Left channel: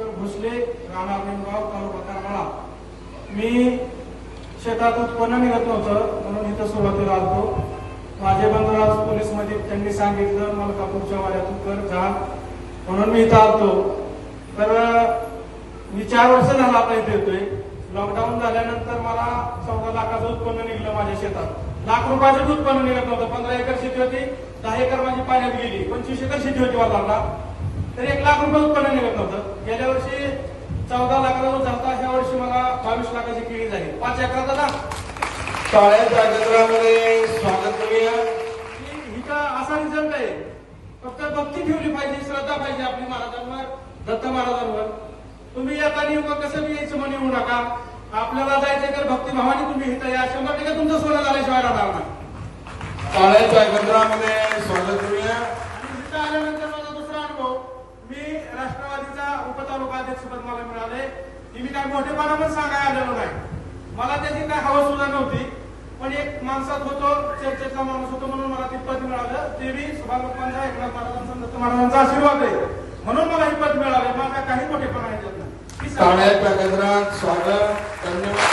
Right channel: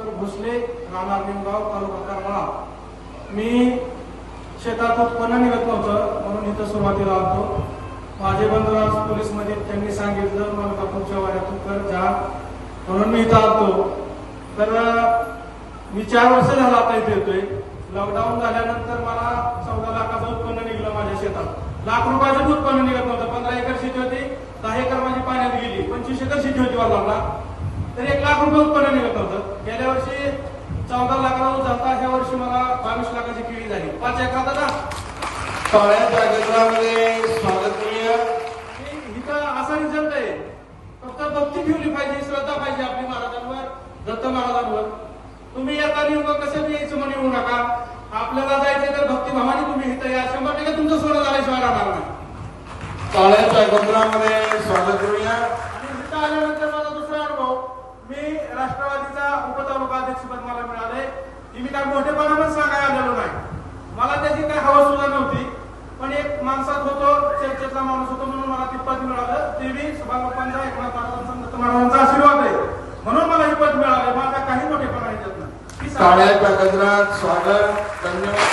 भास्कर भोसले, राहणार निमगाव, तालुका करमाळा. मी शेतात उत्पन्न निघत नव्हतं म्हणून इथं सुरुवातीला आलतो. माझे बंधुराज पोलीसमध्ये त्यांनी सांगितलं मलकापूरच्या वाड्यातून कर जा म्हणून मी इथं आलतो. तर मी 4 वर्ष झाला आता इथे येतोय. लॉकडाऊन झाल्यानंतर मला 14 लाखाचं उत्पन्न निघलं माझ्या शेतात. लाख रुपयाचं उत्पन्न निघत नव्हतं. 15 एकर शेती होती, 10 एकर माझी पाण्यात गेली, 25 एकर शेती होती वडिलांना, तर 1 लाख रुपये उत्पन्न निघत नव्हतं. गेल्या वर्षी 14 लाखाला ऊस झाला, ह्या वर्षी मला 22 लाखाची केळी झाली. 5 एकरात ना टाळ्यांच्या गजरामध्ये स्वागत करूया. हिचा असा रिझल्ट आहे. फक्त भक्ती ठेवली पाहिजे, श्रद्धा पाहिजे आपली महाराजांवर, दत्त महाराजांवर. तुम्ही आता नियुक्त कसं बी यायचं म्हणे येऊ नका. आपल्याला जायचं तर भक्तिभावाने तुम्ही इथं या. 100% तुमचं सोनं झाल्याशिवाय राहणार नाही. टाळ्यांच्या गजरामध्ये स्वागत करूया. आणि इथं आल्यानंतर माझा दुसरा अनुभव, मी राष्ट्रवादीचा उपतालुका अध्यक्षपद मला मिळालंय. ती मी काय मोठेपणानं सांगायला आलेलो नाही. मला त्याची काय हवा सुद्धा नव्हती, पण एक माणसात होतो, चर्चेचा माणूस होतो म्हणून मला ते पद मिळालं. ते बी सभागृहांचा एकनाथ महाराजांचा, दत्त महाराजांचा आशीर्वाद आहे म्हणून मला हे पद मिळालं. मला काही मोठेपणा येत नाही. टाळ्यांच्या गजरात स्वागत. धन्यवाद.